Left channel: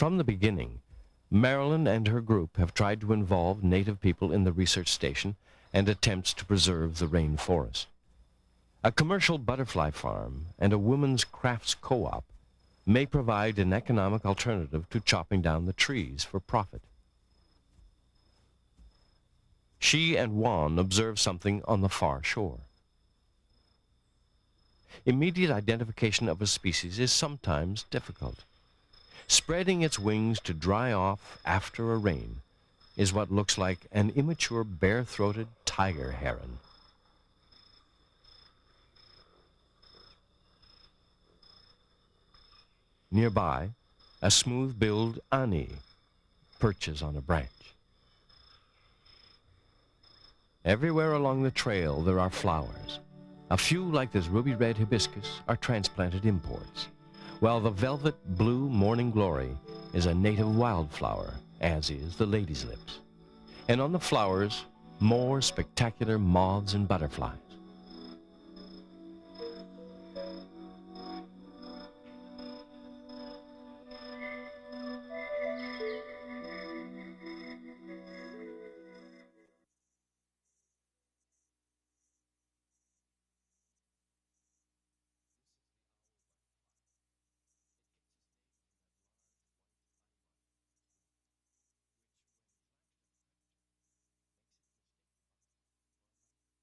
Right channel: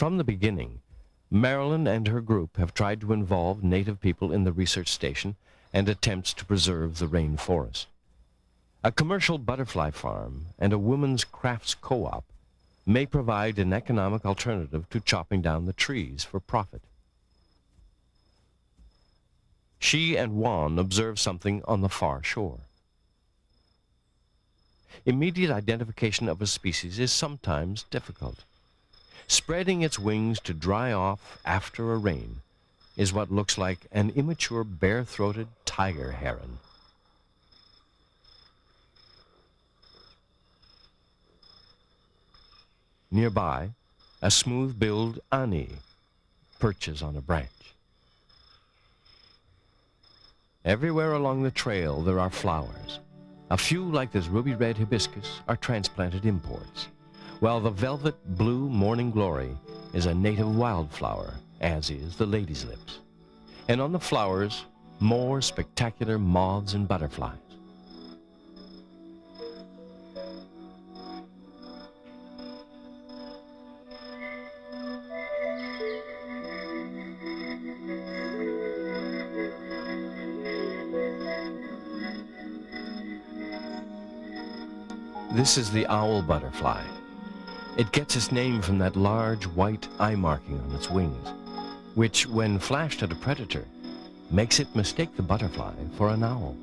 From the beginning, Marilyn and her group have tried to involve native people in the research station and attempts to preserve the rainforest. A commercial butterfly farm and a women's crafts co-op may provide an economic alternative to chopping down the trees for profit. She and Juan observe something on the far shore. Immediate identification of a species is sometimes difficult. Spreading its wings to dry off after a rain is what looks like an immature bare-throated tiger heron. Nearby, a smooth-billed ani perches on a branch. Everywhere along the trail there are flowers. A few, like this ruby-red hibiscus, are transplanted imports, while the velvet blue morning glory is a native wildflower, as is the lady's lips. And on the flowers, more spectacular moths and butterflies. This is the owl butterfly. It gets its name from that large white eye marking on its wings, which, when flashed at a predator, makes it mistake the butterfly for an owl.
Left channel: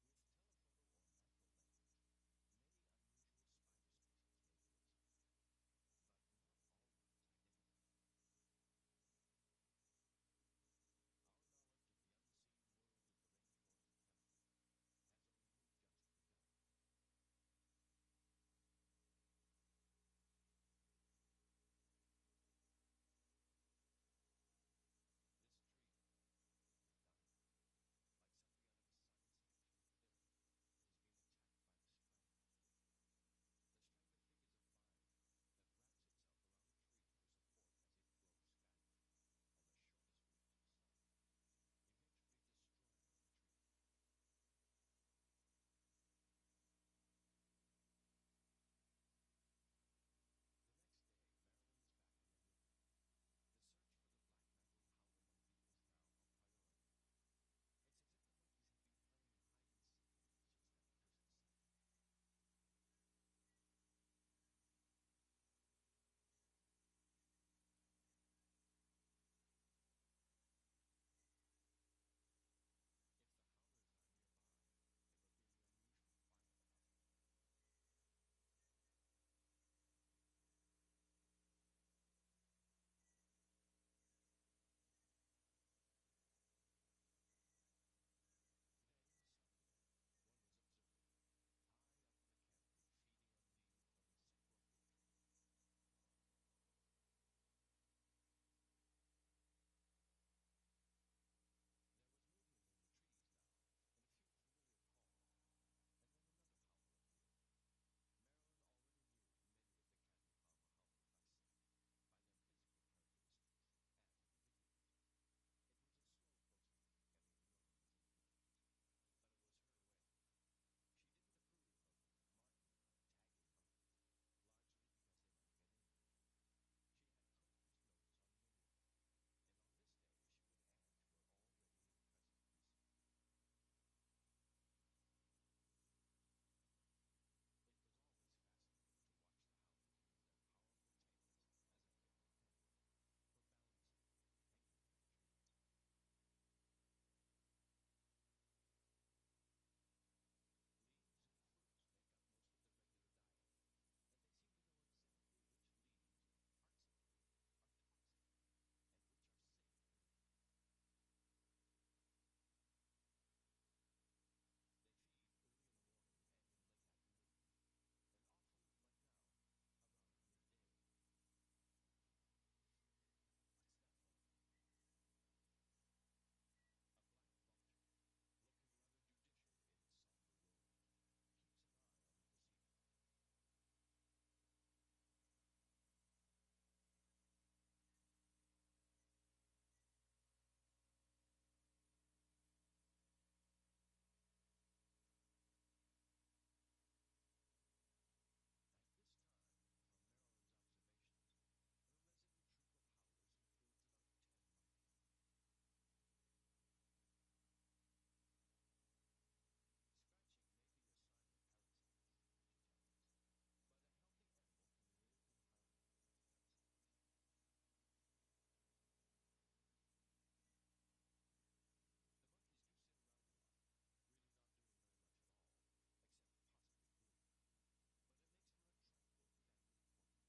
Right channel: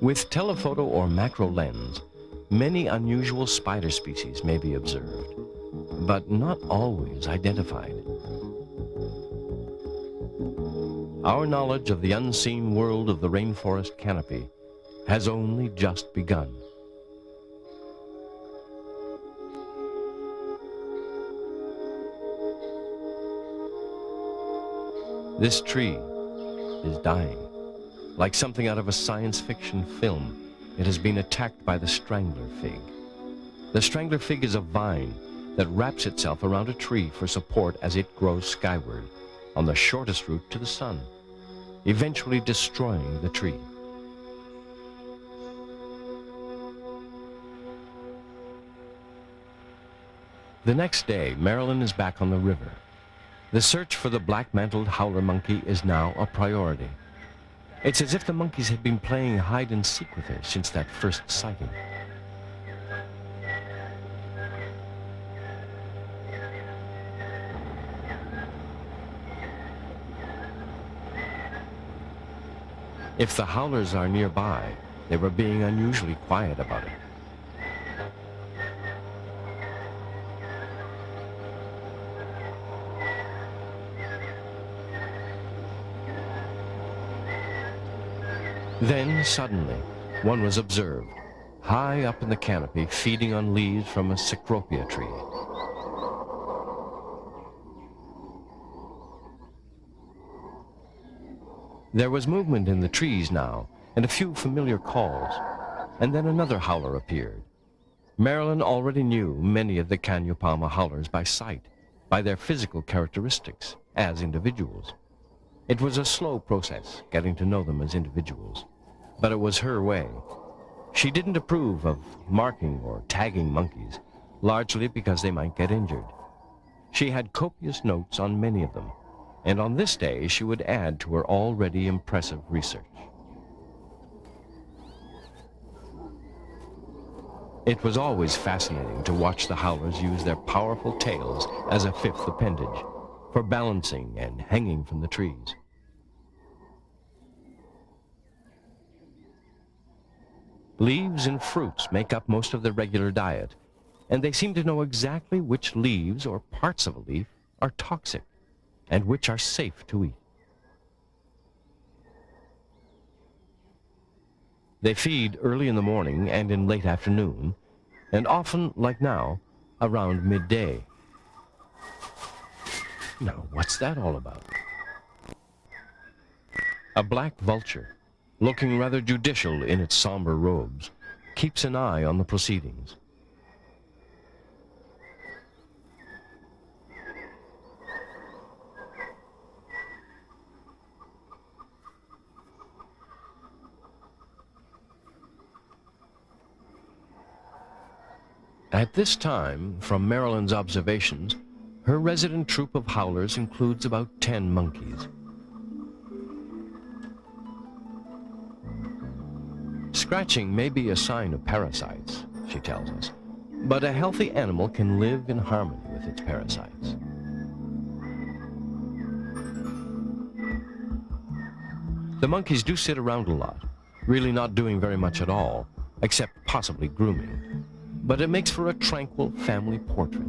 With telephoto or macro lens, many unusual spider species may be observed, but not always identified. Our knowledge of the unseen world of the rainforest canopy has only just begun. This tree is dying. Like something out of a science fiction film, it has been attacked by the strangler fig. The strangler fig is a vine that wraps itself around a tree for support as it grows skyward on the shortest route to the sun, eventually destroying the tree. The next day, Marilyn is back on the river. The search for the black-mantled howler monkey is now a priority. It's as if the monkeys had been playing hide and seek with her since that first sighting. If the howlers are nearby, they were being unusually quiet about it. Then, suddenly, one was observed, high up in the canopy, feeding on leaves from a cecropia tree. There was movement in the trees now, and a few familiar calls, and then another howler appeared. Marilyn already knew many of the Cano Palma howlers by sight, by their physical characteristics, as individuals. It was a slow process, getting to know them as individuals, but it was her way. She didn't approve of marking or tagging monkeys, largely because they might get injured. She had copious notes on many of them, and on this day she would add to her already impressive research. It was always fascinating to watch the howlers use their powerful tails as a fifth appendage, for balancing and hanging from the trees. Leaves and fruits make up most of their regular diet, and they seem to know exactly which leaves or parts of a leaf are toxic and which are safe to eat. They feed early in the morning and in late afternoon, and often, like now, around midday. Now, what's that all about? A black vulture, looking rather judicial in its somber robes, keeps an eye on the proceedings. At this time, from Marilyn's observations, her resident troop of howlers includes about 10 monkeys. Scratching may be a sign of parasites, she tells us, but a healthy animal can live in harmony with its parasites. The monkeys do sit around a lot, really not doing very much at all, except possibly grooming. But it makes for a tranquil family portrait.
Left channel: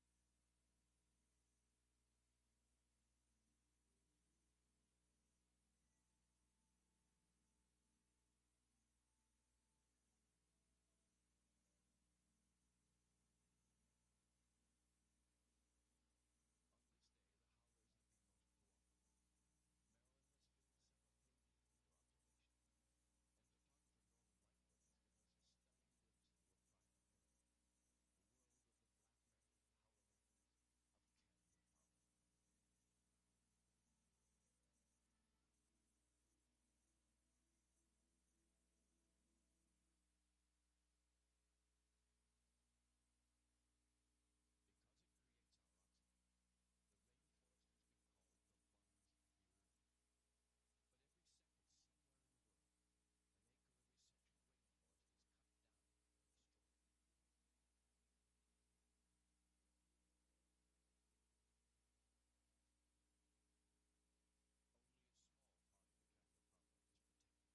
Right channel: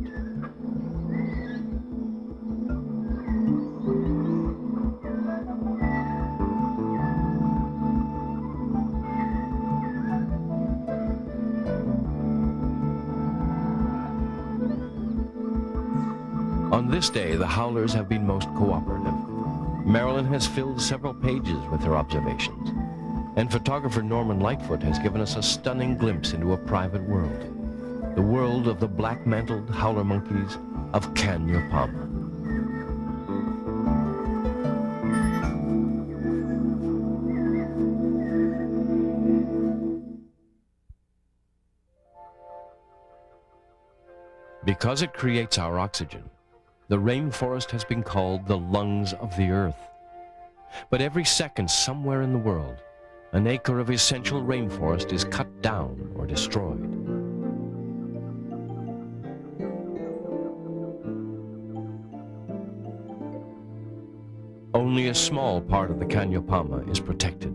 On this day, the howlers have been most cooperative. Marilyn has filled several pages with her observations, and photographer Norman Lightfoot has given us a stunning glimpse into a private world, the world of the black-mantled howler monkeys of Cano Palma. Because it creates our oxygen, the rainforest has been called the lungs of the earth. But every second, somewhere in the world, an acre of essential rainforest is cut down or destroyed. Only a small part of the Cano Palma is protected.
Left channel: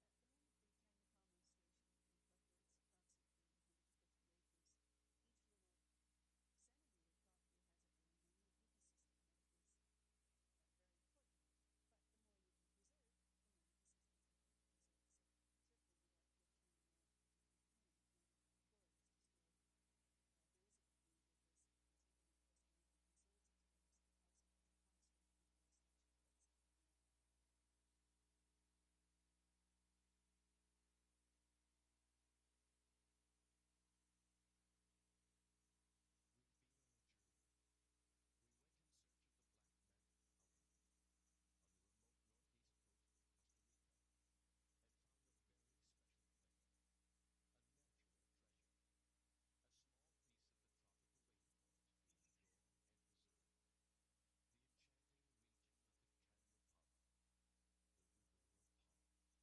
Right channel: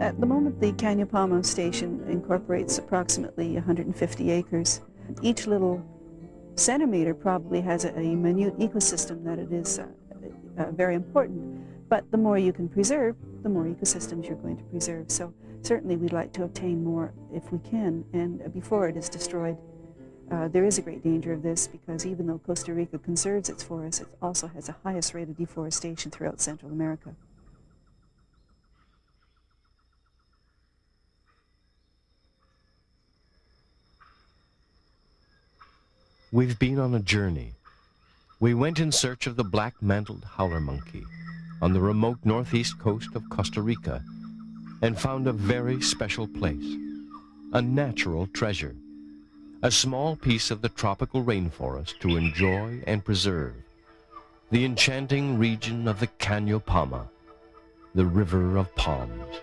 At the moment, the Cano Palma Station incorporates approximately 150 acres. Each little centimeter probably has a minute ecosystem that it is very important, but the more you can preserve, the more ecosystems you're going to preserve. So certainly we'd like to obtain more if we can, and before it is destroyed. There is a great danger of this because even though Costa Rica conserves its forests, it also has the highest rate of deforestation throughout Central America. We've been on a journey. We went in search of the black-mantled howler monkey on the remote northeast coast of Costa Rica and found a very special place, a natural treasure, a small piece of the tropical rainforest to enjoy and preserve, the enchanting region of the Cano Palma, the river of palms.